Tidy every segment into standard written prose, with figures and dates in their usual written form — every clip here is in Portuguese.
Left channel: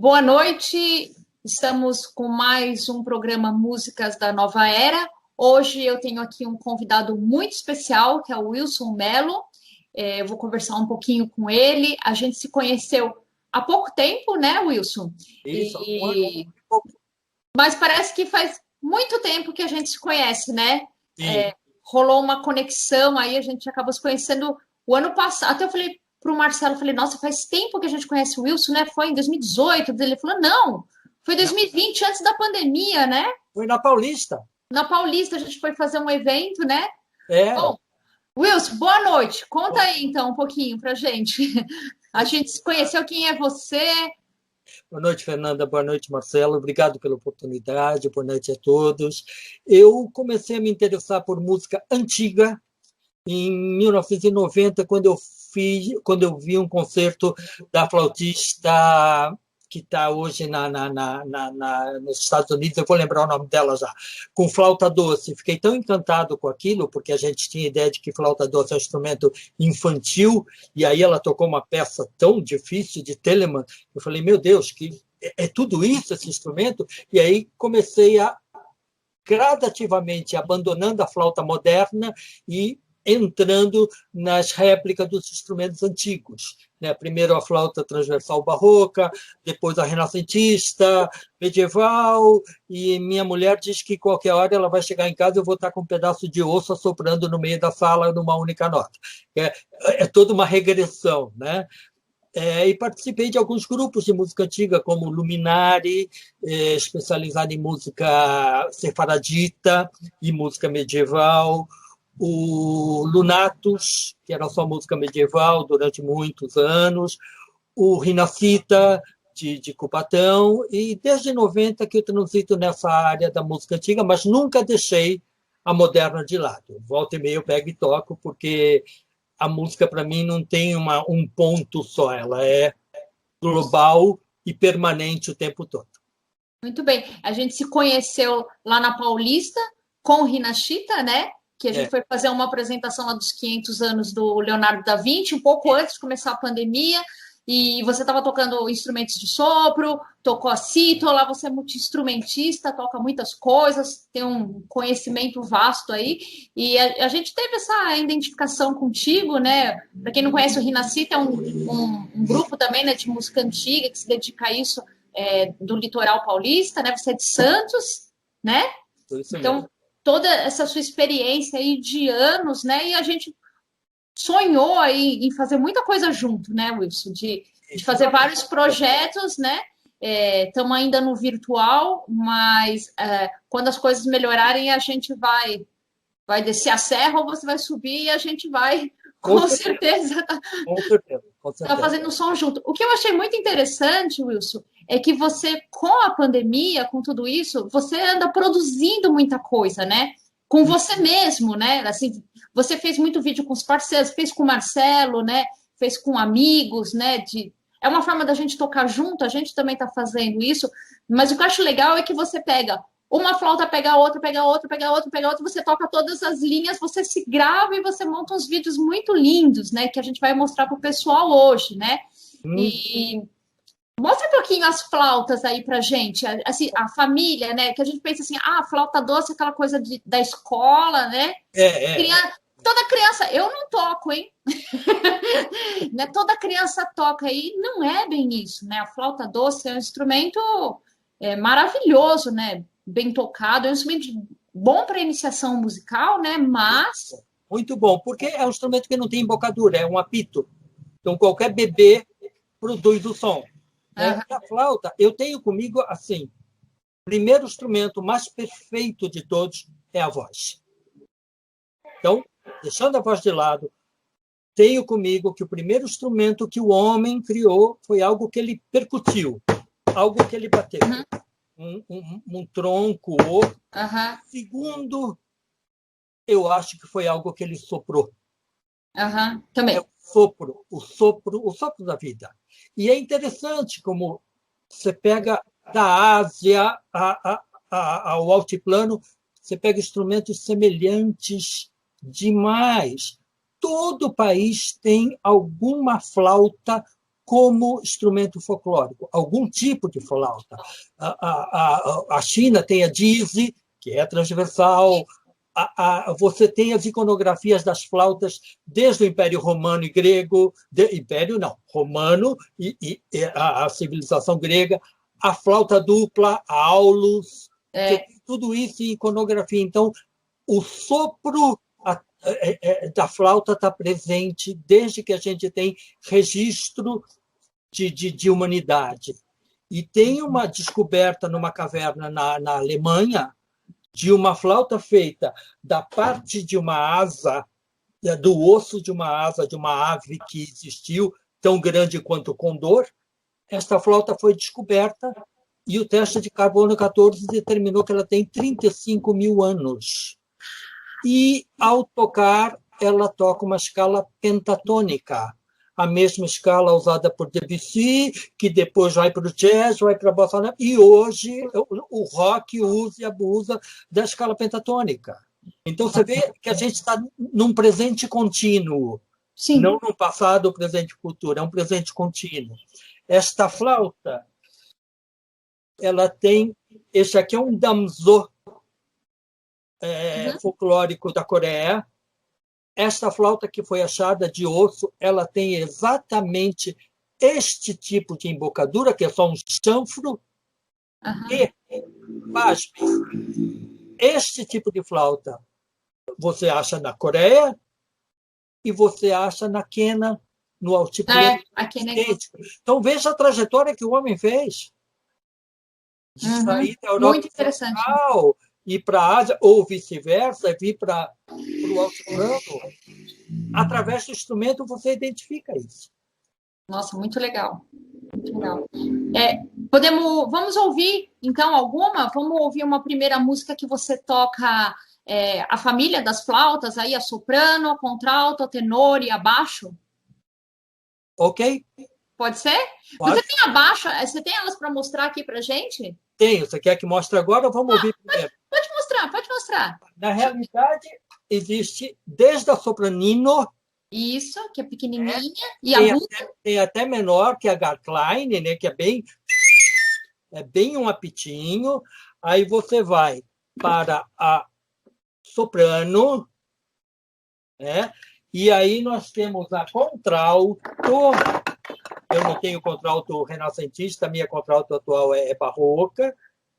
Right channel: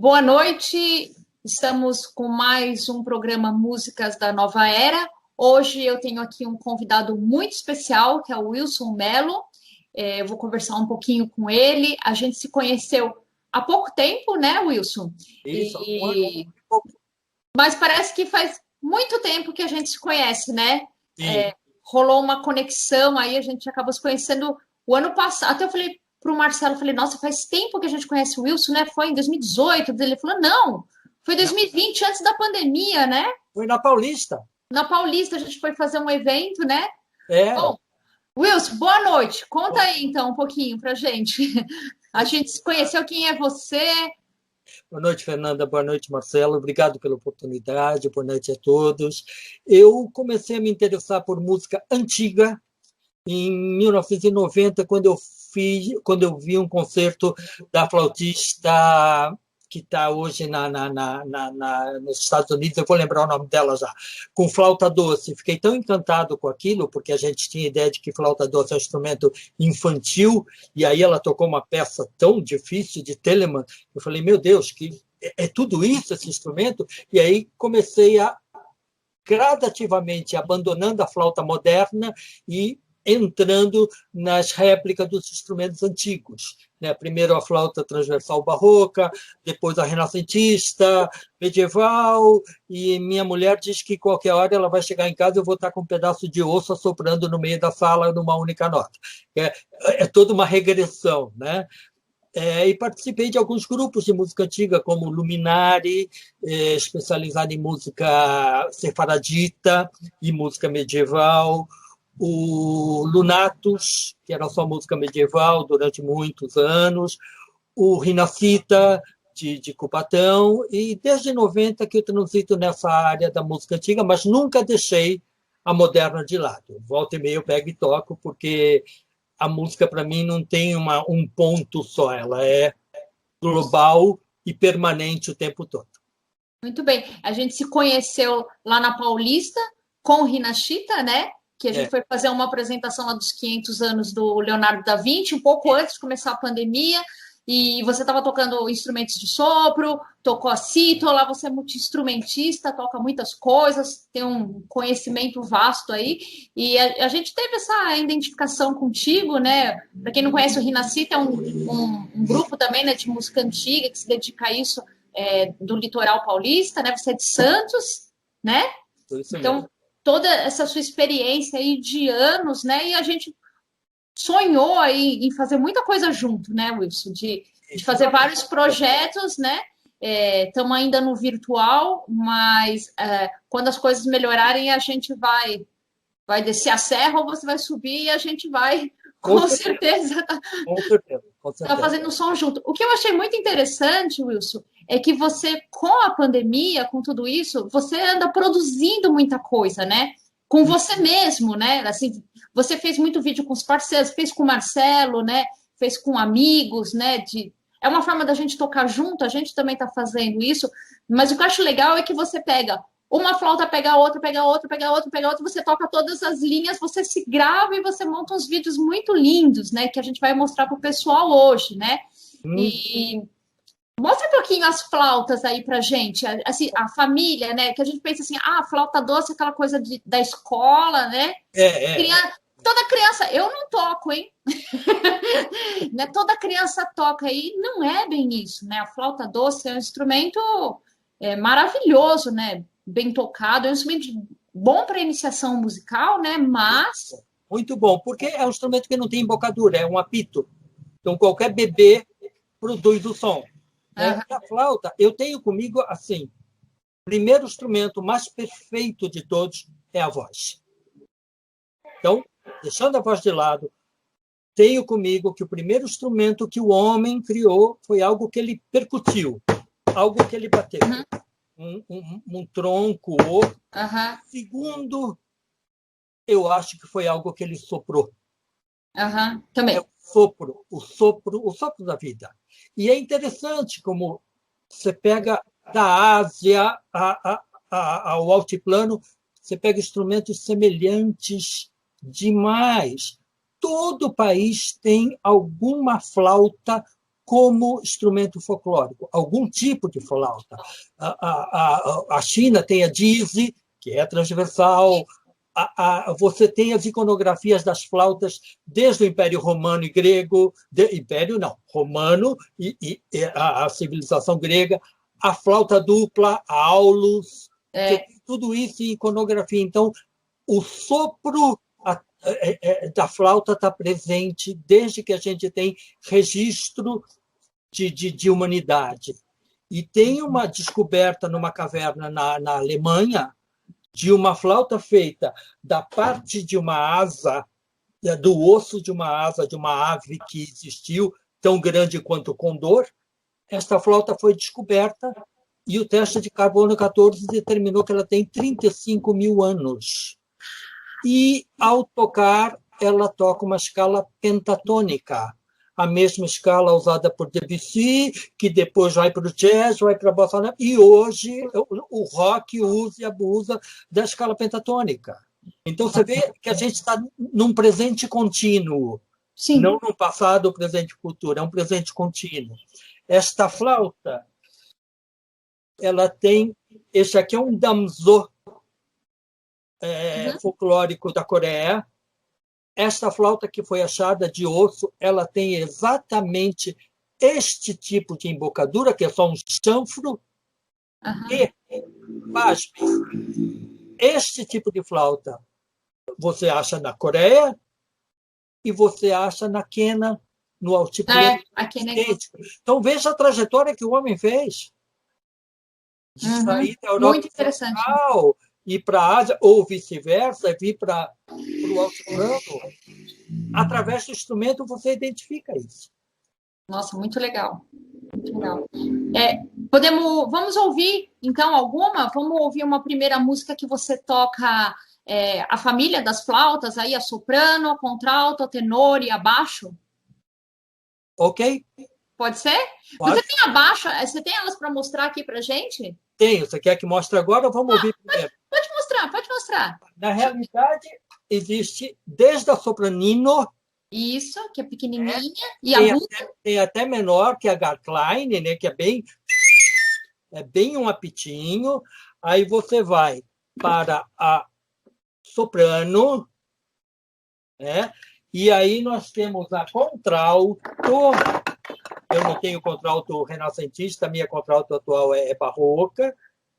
Boa noite, estamos com mais um programa Músicas da Nova Era. Hoje eu tenho aqui um convidado muito especial, que é o Wilson Mello. Eu vou conversar um pouquinho com ele. A gente se conheceu há pouco tempo, né, Wilson? Isso, um ano e pouco. Mas parece que faz muito tempo que a gente se conhece, né? Sim. Rolou uma conexão, aí a gente acabou se conhecendo o ano passado. Até eu falei para o Marcelo, falei, nossa, faz tempo que a gente conhece o Wilson, né? Foi em 2018. Ele falou, não, foi 2020, antes da pandemia, né? Foi na Paulista. Na Paulista, a gente foi fazer um evento, né? É. Bom, Wilson, boa noite. Conta aí, então, um pouquinho pra gente. A gente se conheceu, quem é você? Boa noite, Fernanda. Boa noite, Marcelo. Obrigado pela oportunidade. Boa noite a todos. Eu comecei a me interessar por música antiga em 1990, quando eu vi um concerto da flautista que está hoje nos Estados Unidos, eu vou lembrar o nome dela já, com flauta doce. Fiquei tão encantado com aquilo, porque a gente tinha ideia de que flauta doce é um instrumento infantil, e aí ela tocou uma peça tão difícil de Telemann. Eu falei, meu Deus, que é tudo isso, esse instrumento? E aí comecei a gradativamente abandonando a flauta moderna e entrando nas réplicas dos instrumentos antigos. Né? Primeiro a flauta transversal barroca, depois a renascentista, medieval, e minha mulher diz que qualquer hora ela vai chegar em casa e eu vou estar com um pedaço de osso assoprando no meio da sala numa única nota. É toda uma regressão, né? E participei de alguns grupos de música antiga, como Luminari, especializado em música sefaradita e música medieval, o Lunatus, que era só música medieval durante muitos anos, o Rinascita, de Cubatão, e desde 90 que eu transito nessa área da música antiga, mas nunca deixei a moderna de lado. Volta e meia eu pego e toco, porque a música, para mim, não tem um ponto só, ela é global e permanente o tempo todo. Muito bem. A gente se conheceu lá na Paulista com o Rinachita, né? Que a gente foi fazer uma apresentação lá dos 500 anos do Leonardo da Vinci, um pouco antes de começar a pandemia, e você estava tocando instrumentos de sopro, tocou a cítara, você é multi-instrumentista, toca muitas coisas, tem um conhecimento vasto aí, e a gente teve essa identificação contigo, né? Para quem não conhece, o Rinascita é um grupo também, né, de música antiga que se dedica a isso, do litoral paulista, né? Você é de Santos, né? Então, toda essa sua experiência aí de anos, né? E a gente sonhou aí em fazer muita coisa junto, né, Wilson? De fazer vários projetos, né? Estamos ainda no virtual, mas quando as coisas melhorarem, a gente vai descer a serra ou você vai subir e a gente vai, com certeza, tá fazendo um som junto. O que eu achei muito interessante, Wilson, é que você, com a pandemia, com tudo isso, você anda produzindo muita coisa, né? Com você mesmo, né? Assim, você fez muito vídeo com os parceiros, fez com o Marcelo, né? Fez com amigos, né? É uma forma da gente tocar junto, a gente também está fazendo isso, mas o que eu acho legal é que você pega uma flauta, pega outra, pega outra, pega outra, pega outra, você toca todas as linhas, você se grava e você monta uns vídeos muito lindos, né? Que a gente vai mostrar para o pessoal hoje, né? E mostra um pouquinho as flautas aí pra gente, assim, a família, né? Que a gente pensa assim, flauta doce, aquela coisa da escola, né? Toda criança, eu não toco, hein? Né? Toda criança toca aí, não é bem isso, né? A flauta doce é um instrumento maravilhoso, né? Bem tocado, é um instrumento bom para iniciação musical, né? Mas muito bom, porque é um instrumento que não tem embocadura, é um apito. Então qualquer bebê produz o som. Né? A flauta, eu tenho comigo assim, o primeiro instrumento mais perfeito de todos é a voz. Então, deixando a voz de lado, tenho comigo que o primeiro instrumento que o homem criou foi algo que ele percutiu, algo que ele bateu. Um tronco, outro. Segundo, eu acho que foi algo que ele soprou. Também. É o sopro da vida. E é interessante como você pega da Ásia ao altiplano, você pega instrumentos semelhantes demais. Todo país tem alguma flauta como instrumento folclórico, algum tipo de flauta. A China tem a dizi, que é transversal. Você tem as iconografias das flautas desde o Império Romano e Grego, Romano e a civilização grega, a flauta dupla, a aulos, tudo isso em iconografia. Então, o sopro da flauta está presente desde que a gente tem registro de humanidade. E tem uma descoberta numa caverna na Alemanha de uma flauta feita da parte de uma asa, do osso de uma asa de uma ave que existiu, tão grande quanto o condor. Esta flauta foi descoberta e o teste de carbono 14 determinou que ela tem 35 mil anos. E, ao tocar, ela toca uma escala pentatônica, a mesma escala usada por Debussy, que depois vai para o jazz, vai para a bossa nova, e hoje o rock usa e abusa da escala pentatônica. Então, você vê que a gente está num presente contínuo, Sim. Não num passado, presente e futuro, é um presente contínuo. Esta flauta, ela tem... Este aqui é um damso folclórico da Coreia. Esta flauta que foi achada de osso, ela tem exatamente este tipo de embocadura, que é só um chanfro, e, pasme, este tipo de flauta você acha na Coreia e você acha na quena, no altiplano. Então, veja a trajetória que o homem fez. De sair da Europa muito interessante. Central, ir para a Ásia, ou vice-versa, vir para o altiplano. Através do instrumento, você identifica isso. Nossa, muito legal. Muito legal. Vamos ouvir, então, alguma? Vamos ouvir uma primeira música que você toca a família das flautas, aí a soprano, a contralto, a tenor e a baixo? Ok. Pode ser? Pode. Você tem a baixo? Você tem elas para mostrar aqui para gente? Tenho. Você quer que mostre agora ou vamos ouvir primeiro? Pode mostrar. Na realidade, existe desde a sopranino. Isso, que é pequenininha. E aguda. Tem até menor, que é a Garklein, né, que é bem um apitinho. Aí você vai para a soprano, né? E aí nós temos a contralto. Eu não tenho contralto renascentista, a minha contralto atual é barroca.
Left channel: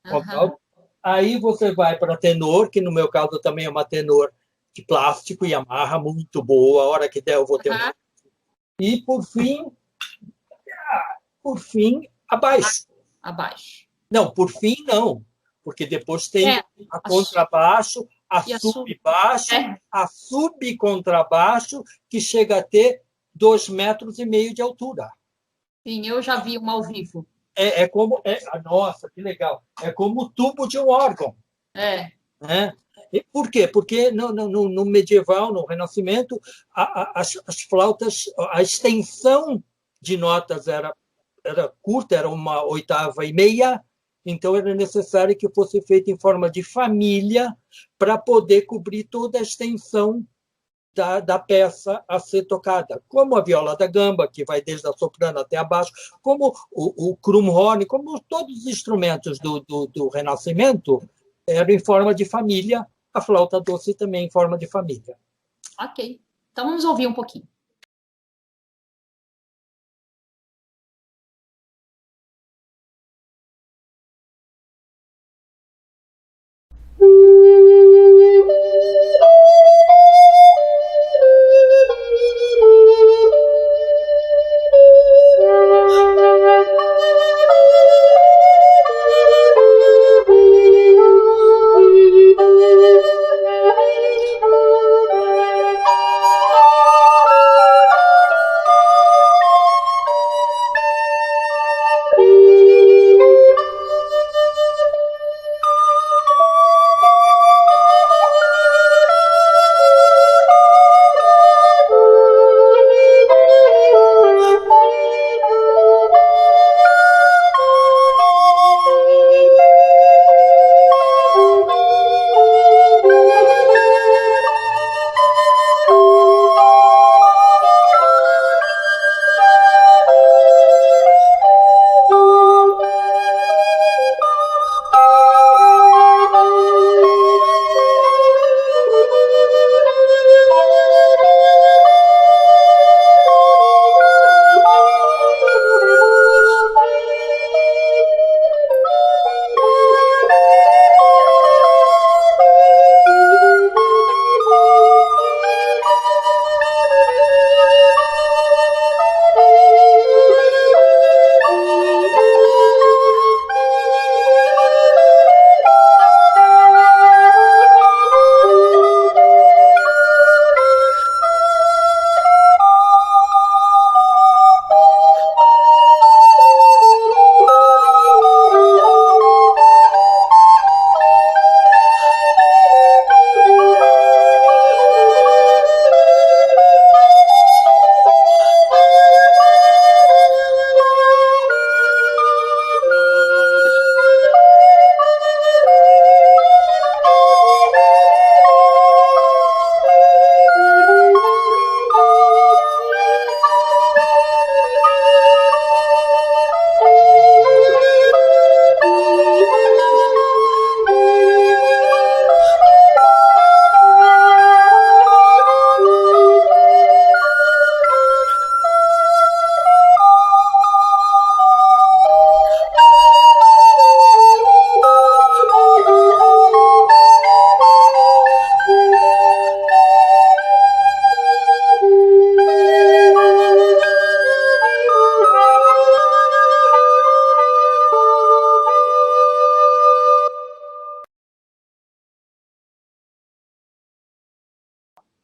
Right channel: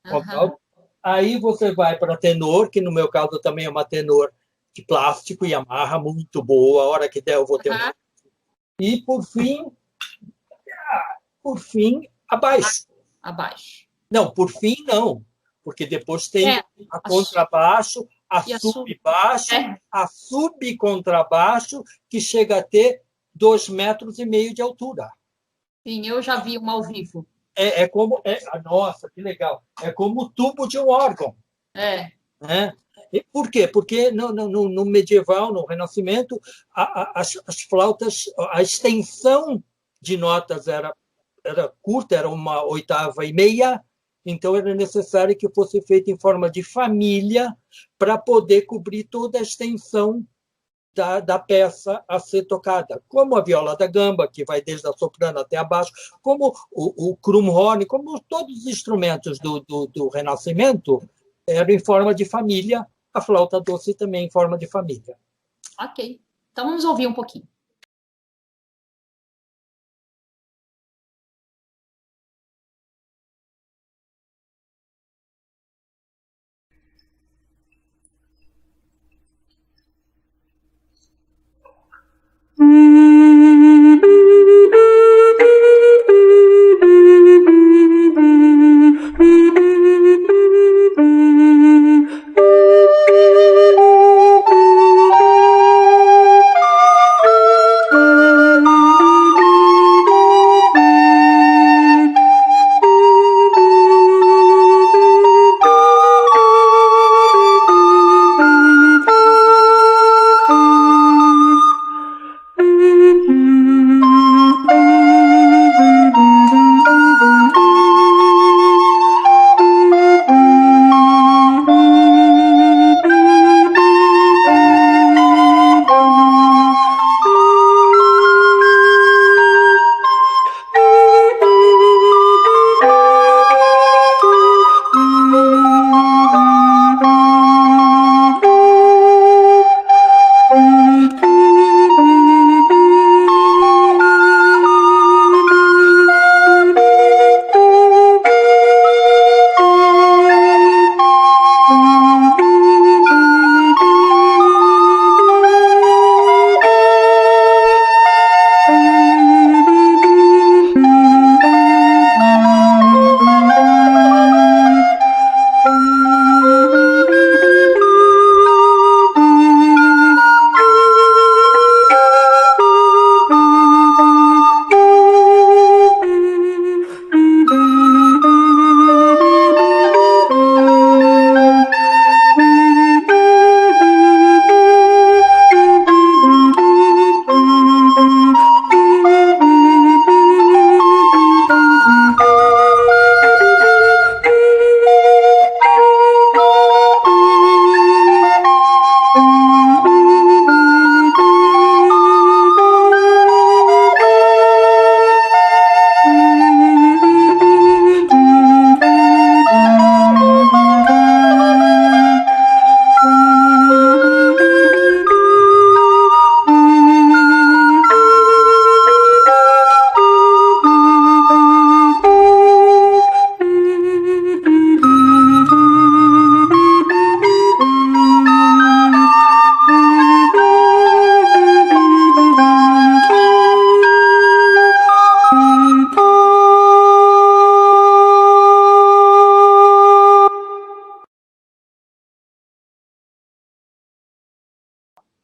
Contralto. Aí você vai para tenor, que no meu caso também é uma tenor de plástico e amarra muito boa. A hora que der eu vou ter uma. E, por fim, abaixo. Não, por fim, não. Porque depois tem a contrabaixo, a subbaixo, a subcontrabaixo, que chega a ter 2,5 metros de altura. Sim, eu já vi uma ao vivo. Nossa, que legal. É como o tubo de um órgão. Né? E por quê? Porque no medieval, no Renascimento, as flautas, a extensão de notas era curta, era 1/8, então era necessário que fosse feito em forma de família para poder cobrir toda a extensão da peça a ser tocada, como a viola da gamba, que vai desde a soprano até abaixo, como o Krummhorn, como todos os instrumentos do Renascimento, eram em forma de família, a flauta doce também em forma de família. Ok, então vamos ouvir um pouquinho.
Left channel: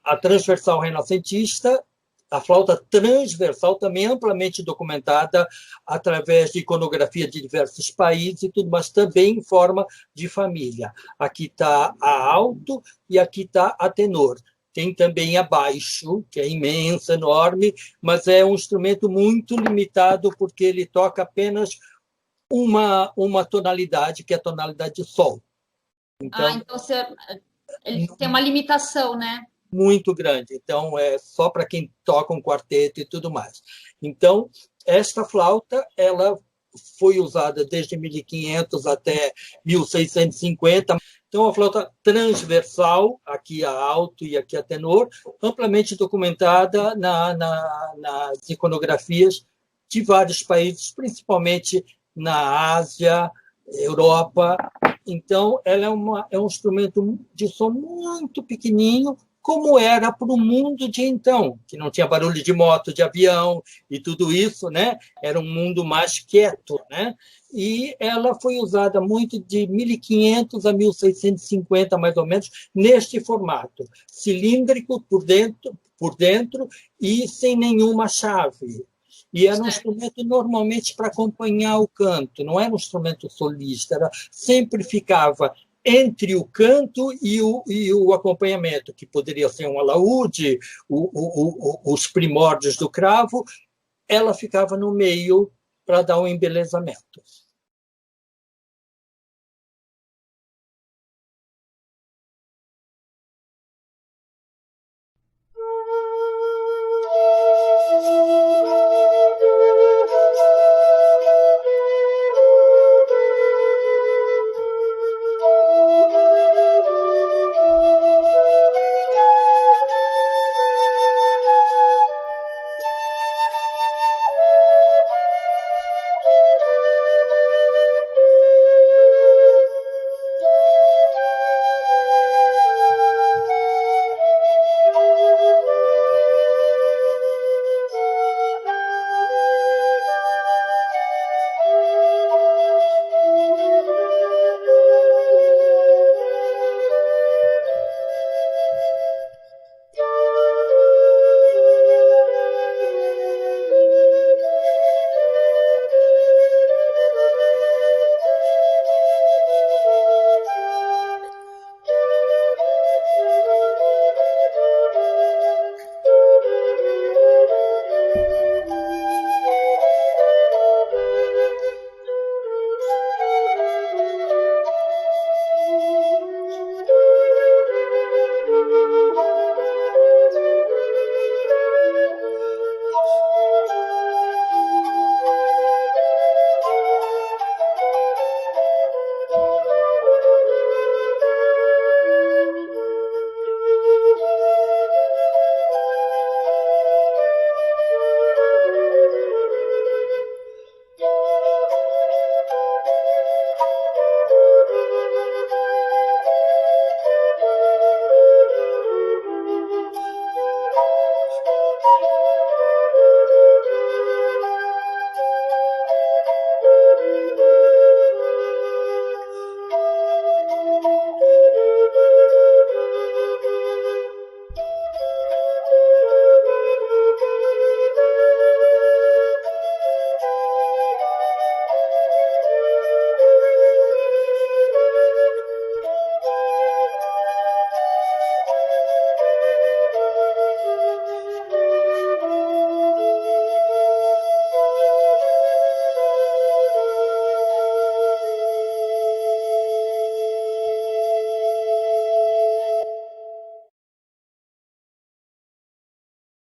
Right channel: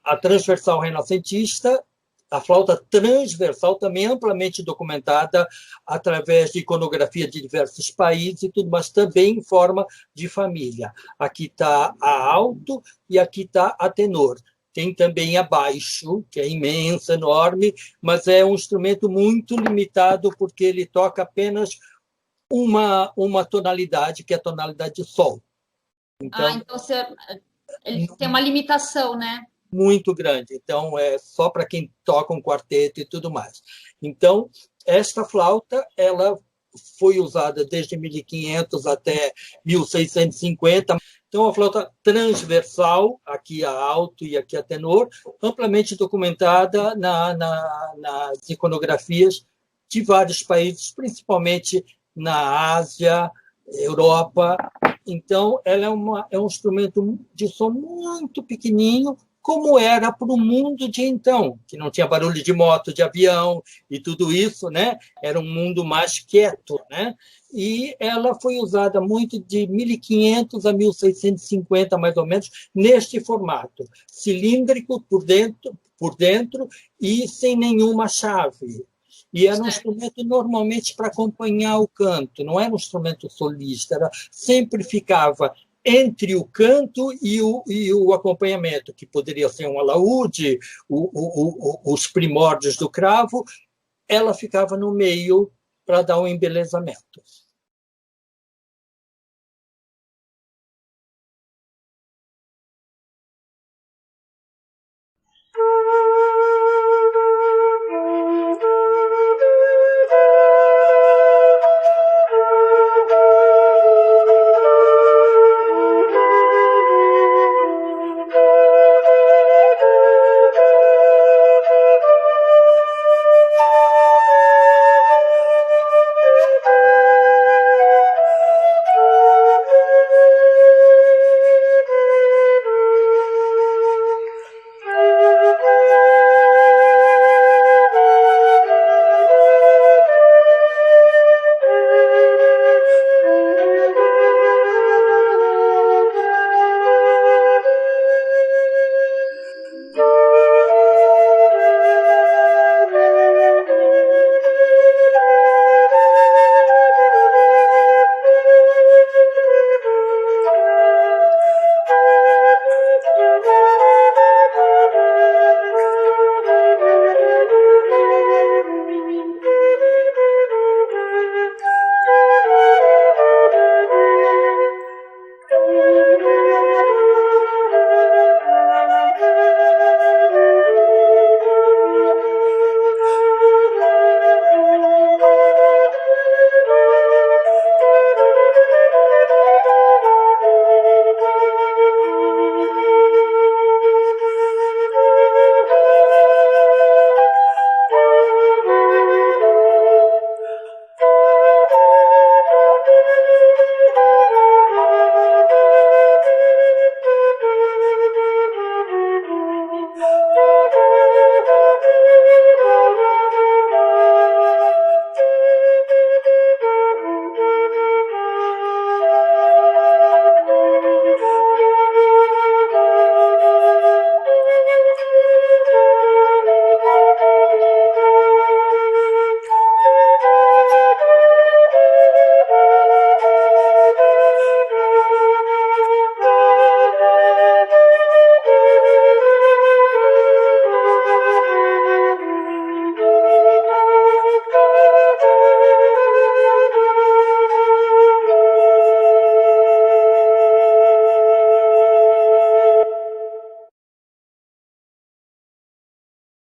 a transversal renascentista, a flauta transversal também amplamente documentada através de iconografia de diversos países e tudo, mas também em forma de família. Aqui está a alto e aqui está a tenor. Tem também a baixo, que é imensa, enorme, mas é um instrumento muito limitado porque ele toca apenas uma tonalidade, que é a tonalidade de sol. Então ele tem uma limitação, né? Muito grande. Então, é só para quem toca um quarteto e tudo mais. Então, esta flauta, ela foi usada desde 1500 até 1650. Então, a flauta transversal, aqui a alto e aqui a tenor, amplamente documentada nas iconografias de vários países, principalmente na Ásia, Europa. Então, ela é um instrumento de som muito pequenininho, como era para o mundo de então, que não tinha barulho de moto, de avião e tudo isso, né? Era um mundo mais quieto, né? E ela foi usada muito de 1500 a 1650, mais ou menos, neste formato, cilíndrico por dentro e sem nenhuma chave. E era um instrumento normalmente para acompanhar o canto, não era um instrumento solista, sempre ficava entre o canto e o acompanhamento, que poderia ser um alaúde, os primórdios do cravo, ela ficava no meio para dar um embelezamento.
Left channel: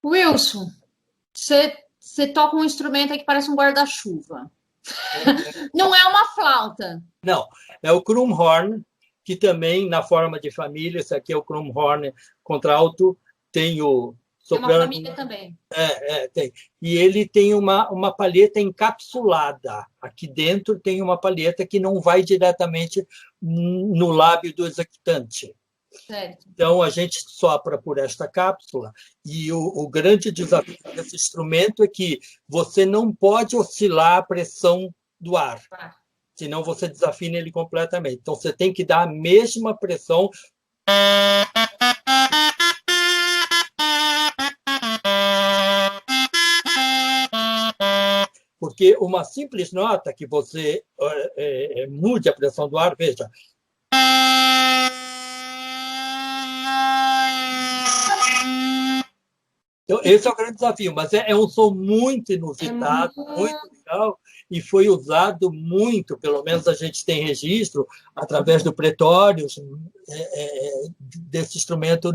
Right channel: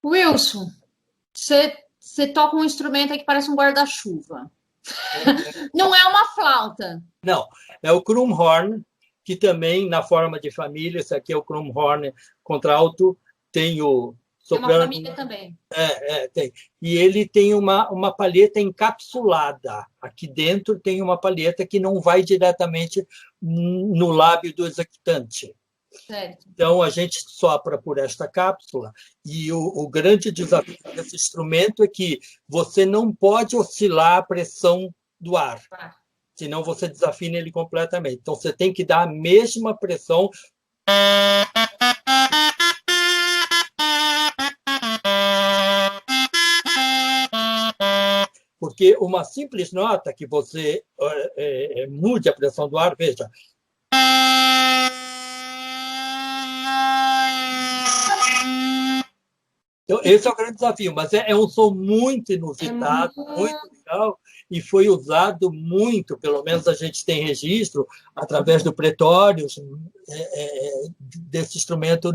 Wilson, você toca um instrumento aí que parece um guarda-chuva. Não é uma flauta. Não, é o Krummhorn, que também, na forma de família, esse aqui é o Krummhorn contralto, tem o soprano. Tem uma família também. Tem. E ele tem uma palheta encapsulada. Aqui dentro tem uma palheta que não vai diretamente no lábio do executante. Certo. Então, a gente sopra por esta cápsula e o grande desafio desse instrumento é que você não pode oscilar a pressão do ar, senão você desafina ele completamente. Então, você tem que dar a mesma pressão Porque uma simples nota que você mude a pressão do ar, veja. Então, esse é o grande desafio, mas é um som muito inusitado, muito legal, e foi usado muito, pelo menos a gente tem registro, através do Pretórios, desse instrumento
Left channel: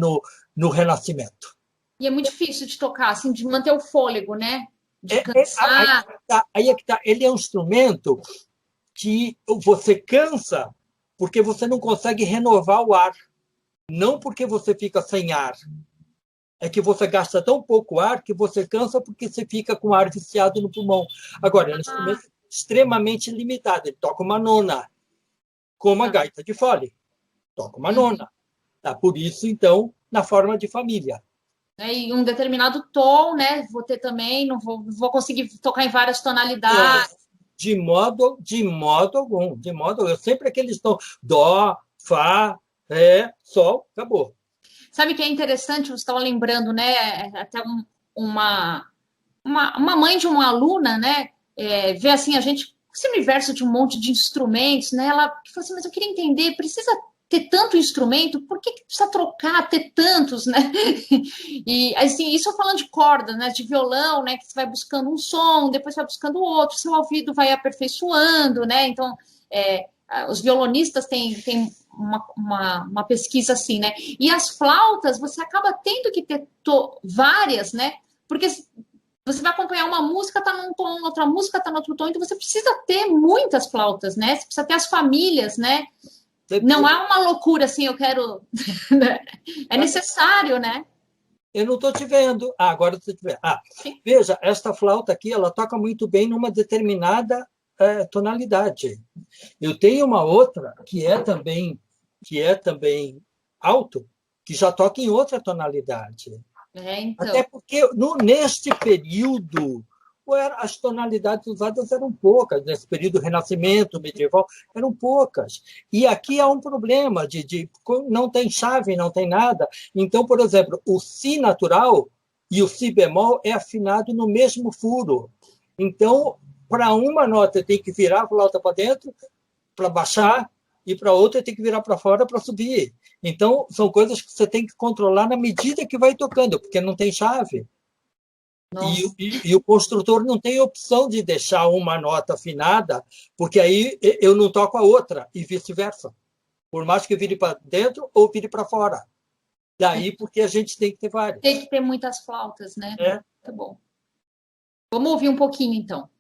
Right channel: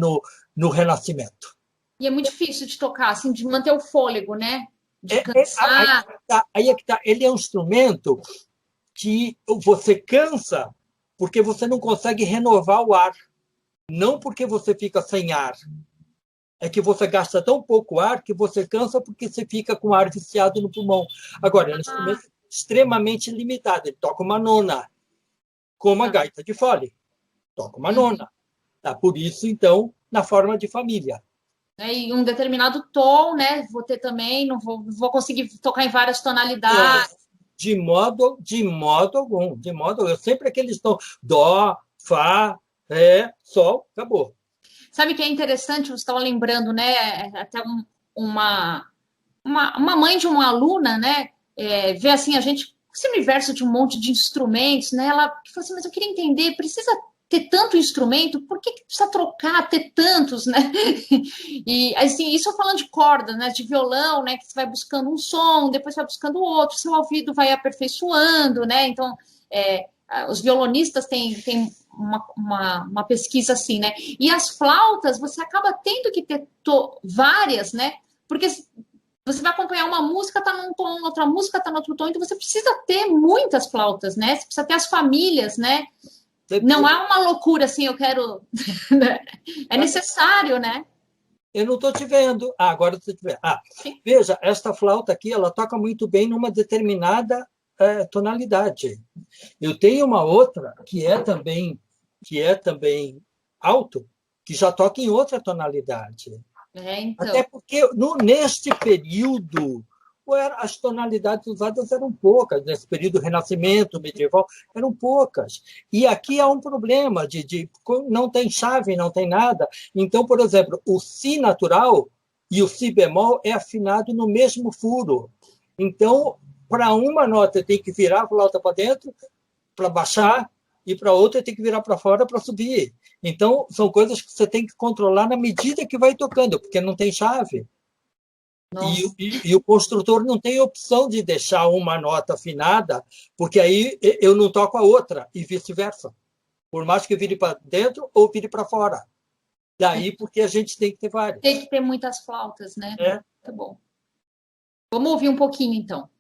no Renascimento. E é muito difícil de tocar, assim, de manter o fôlego, né? De cansar. Aí é que tá. Ele é um instrumento que você cansa porque você não consegue renovar o ar. Não porque você fica sem ar. É que você gasta tão pouco ar que você cansa porque você fica com ar viciado no pulmão. Agora, é um instrumento extremamente limitado. Ele toca uma nona, como a gaita de fole. Toca uma nona. Tá? Por isso, então, na forma de família. E um determinado tom, né? Vou ter também, não vou conseguir tocar em várias tonalidades. De modo algum. Sempre aqueles tons. Dó, fá, ré, sol, acabou. Sabe que é interessante, você estava lembrando, né? Até uma mãe de uma aluna, né? Vê assim, a gente, esse universo de um monte de instrumentos, né? Ela falou assim, mas eu queria entender, precisa ter tanto instrumento, por que precisa trocar, ter tantos, né? E assim, isso eu falando de cordas, né? De violão, né? Que você vai buscando um som, depois vai buscando outro, seu ouvido vai aperfeiçoando, né? Então, os violonistas têm uma pesquisa assim, né? E as flautas, você acaba tendo que ter várias, né? Porque você vai acompanhar uma música, tá num tom, outra música tá no outro tom, então você precisa ter muitas flautas, né? Você precisa ter as famílias, né? Não é uma loucura assim, eu quero. É necessário, né? Eu não estou te vendo. Agora eu estou te vendo. Veja, esta flauta aqui, ela toca muito bem numa determinada tonalidade. Eu tenho uma outra que é também alto, que já toca em outra tonalidade. Então. Até porque neste período as tonalidades usadas eram poucas, nesse período renascimento medieval, eram poucas. E aqui há um problema de não tem chave, não tem nada. Então, por exemplo, o si natural e o si bemol é afinado no mesmo furo. Então, para uma nota tem que virar a flauta para dentro, para baixar, e para outra tem que virar para fora para subir. Então, são coisas que você tem que controlar na medida que vai tocando, porque não tem chave. E o construtor não tem opção de deixar uma nota afinada, porque aí eu não toco a outra, e vice-versa. Por mais que vire para dentro ou vire para fora. Daí porque a gente tem que ter várias. Tem que ter muitas flautas, né? Tá bom. Vamos ouvir um pouquinho, então.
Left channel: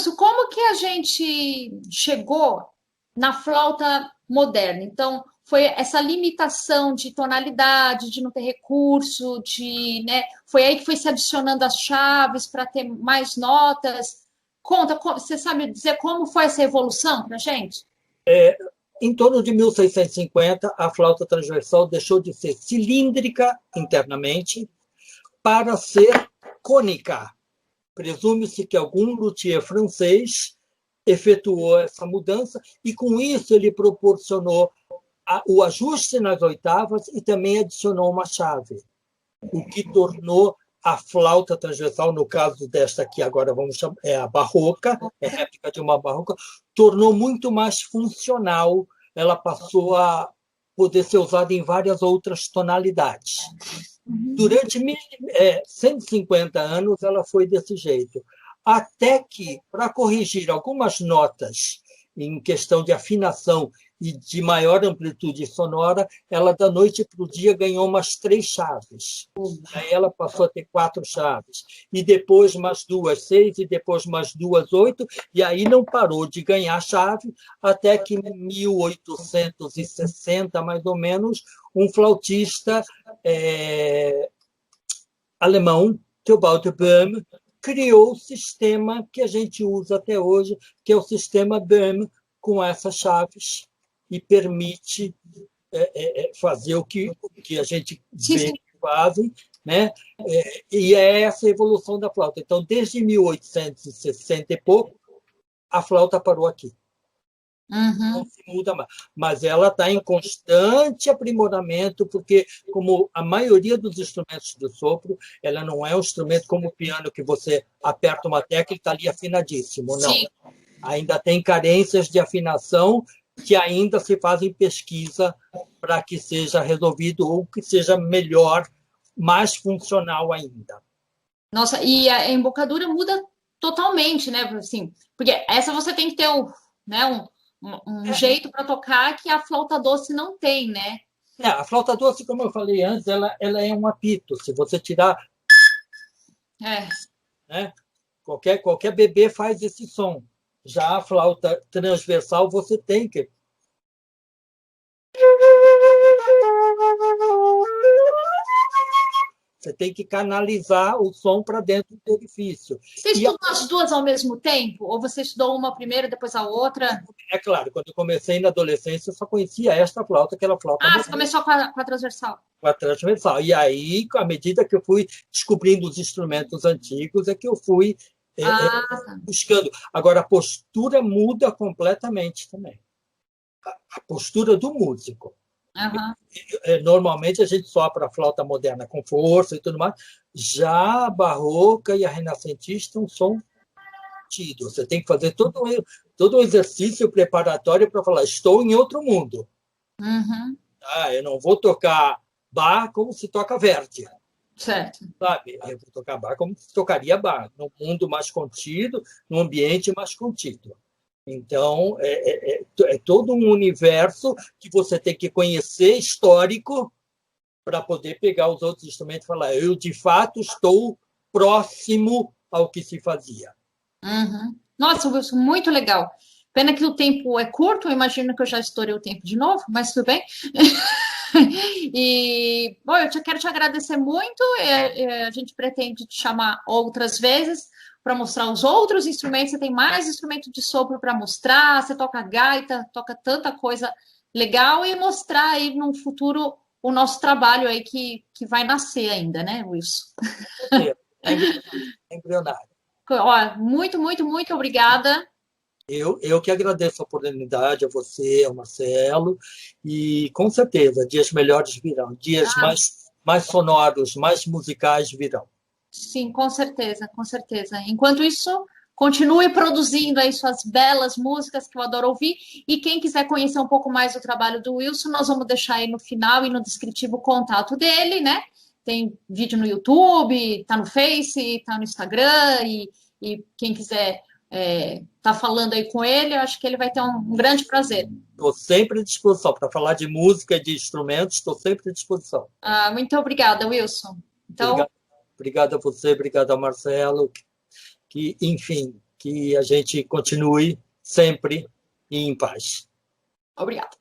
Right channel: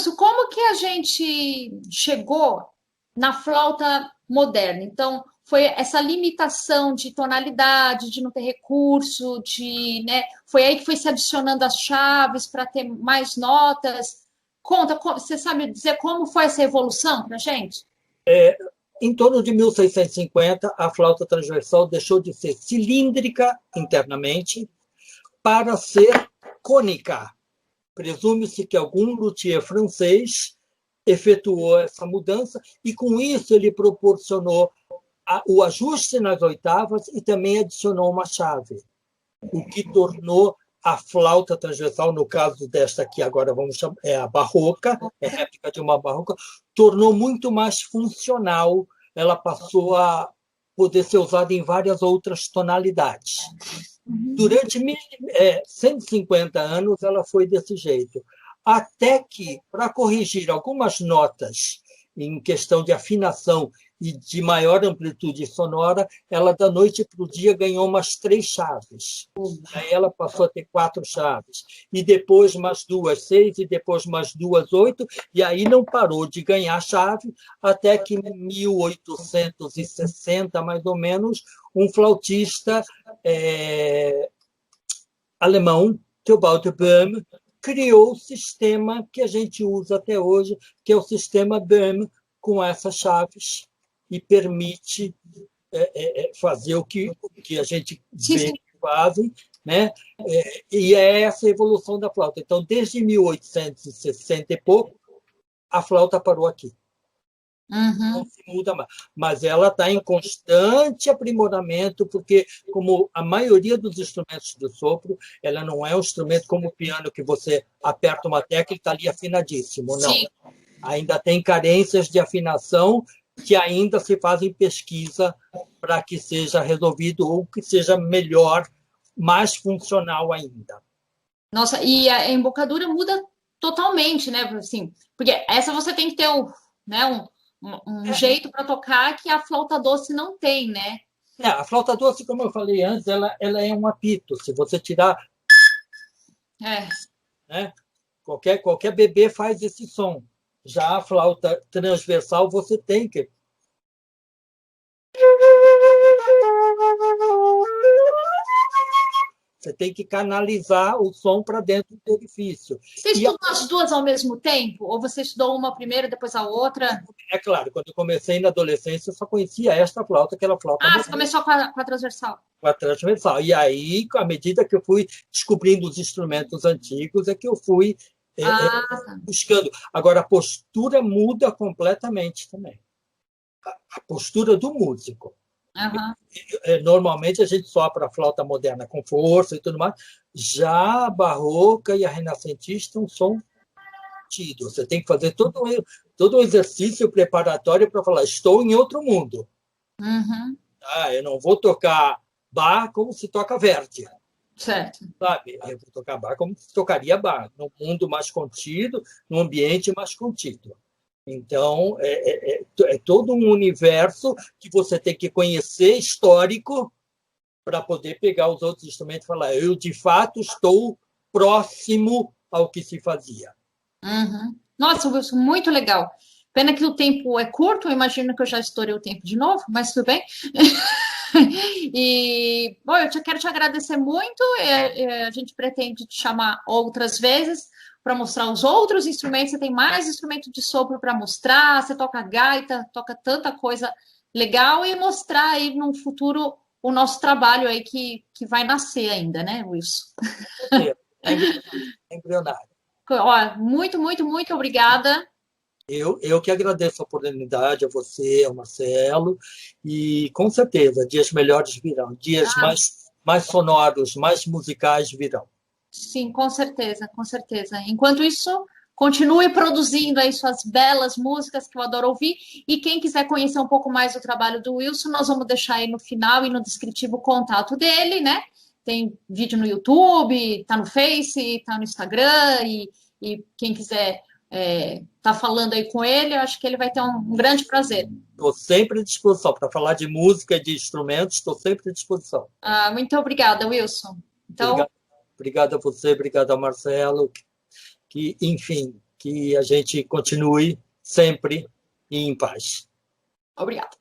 Wilson, como que a gente chegou na flauta moderna? Então, foi essa limitação de tonalidade, de não ter recurso, né? Foi aí que foi se adicionando as chaves para ter mais notas. Conta, você sabe dizer como foi essa evolução para a gente? Em torno de 1650, a flauta transversal deixou de ser cilíndrica internamente para ser cônica. Presume-se que algum luthier francês efetuou essa mudança e, com isso, ele proporcionou o ajuste nas oitavas e também adicionou uma chave, o que tornou a flauta transversal, no caso desta aqui, agora vamos chamar, é a barroca, é réplica de uma barroca, tornou muito mais funcional, ela passou a poder ser usada em várias outras tonalidades. Durante 150 anos, ela foi desse jeito. Até que, para corrigir algumas notas em questão de afinação e de maior amplitude sonora, ela, da noite para o dia, ganhou umas 3 chaves. Aí ela passou a ter 4 chaves. E depois mais 2, 6, e depois mais 2, 8, e aí não parou de ganhar chave, até que em 1860, mais ou menos, um flautista alemão, Theobald Böhm, criou o sistema que a gente usa até hoje, que é o sistema Böhm, com essas chaves, e permite fazer o que a gente vê que fazem, né? E é essa a evolução da flauta. Então, desde 1860 e pouco, a flauta parou aqui. Não se muda mais. Mas ela está em constante aprimoramento, porque, como a maioria dos instrumentos de sopro, ela não é um instrumento como o piano, que você aperta uma tecla e está ali afinadíssimo. Não. Sim. Ainda tem carências de afinação que ainda se fazem pesquisa para que seja resolvido ou que seja melhor, mais funcional ainda. Nossa, e a embocadura muda totalmente, né? Assim, porque essa você tem que ter um jeito para tocar que a flauta doce não tem, né? A flauta doce, como eu falei antes, ela é um apito. Se você tirar... Né, qualquer bebê faz esse som. Já a flauta transversal, você tem que... Você tem que canalizar o som para dentro do orifício. Você estudou as duas ao mesmo tempo? Ou você estudou uma primeiro, depois a outra? É claro, quando eu comecei na adolescência, eu só conhecia esta flauta, aquela flauta moderna. Você começou com a transversal. Com a transversal. E aí, à medida que eu fui descobrindo os instrumentos antigos, é que eu fui buscando. Agora, a postura muda completamente também. A postura do músico. Normalmente a gente sopra a flauta moderna com força e tudo mais. Já a barroca e a renascentista é um som tido. Você tem que fazer todo um exercício preparatório para falar, estou em outro mundo. Eu não vou tocar Bach como se toca Verdi. Certo. Sabe? Eu vou tocar Bach como se tocaria Bach, num mundo mais contido, num ambiente mais contido. Então, é todo um universo que você tem que conhecer, histórico, para poder pegar os outros instrumentos e falar, eu, de fato, estou próximo ao que se fazia. Nossa, Wilson, muito legal. Pena que o tempo é curto, eu imagino que eu já estourei o tempo de novo, mas tudo bem. E, bom, quero te agradecer muito. A gente pretende te chamar outras vezes para mostrar os outros instrumentos. Você tem mais instrumento de sopro para mostrar, você toca gaita, toca tanta coisa legal, e mostrar aí no futuro o nosso trabalho aí que vai nascer ainda, né, Wilson? É embrionário. Muito, muito, muito obrigada. Eu que agradeço a oportunidade, a você, ao Marcelo, e com certeza dias melhores virão, dias mais sonoros, mais musicais virão. Sim, com certeza, com certeza. Enquanto isso, continue produzindo aí suas belas músicas, que eu adoro ouvir, e quem quiser conhecer um pouco mais do trabalho do Wilson, nós vamos deixar aí no final e no descritivo o contato dele, né? Tem vídeo no YouTube, tá no Face, tá no Instagram, e quem quiser tá falando aí com ele, eu acho que ele vai ter um grande prazer. Estou sempre à disposição. Para falar de música e de instrumentos, estou sempre à disposição. Muito obrigada, Wilson. Então... Obrigado a você, obrigado ao Marcelo. Que, enfim, que a gente continue sempre em paz. Obrigada.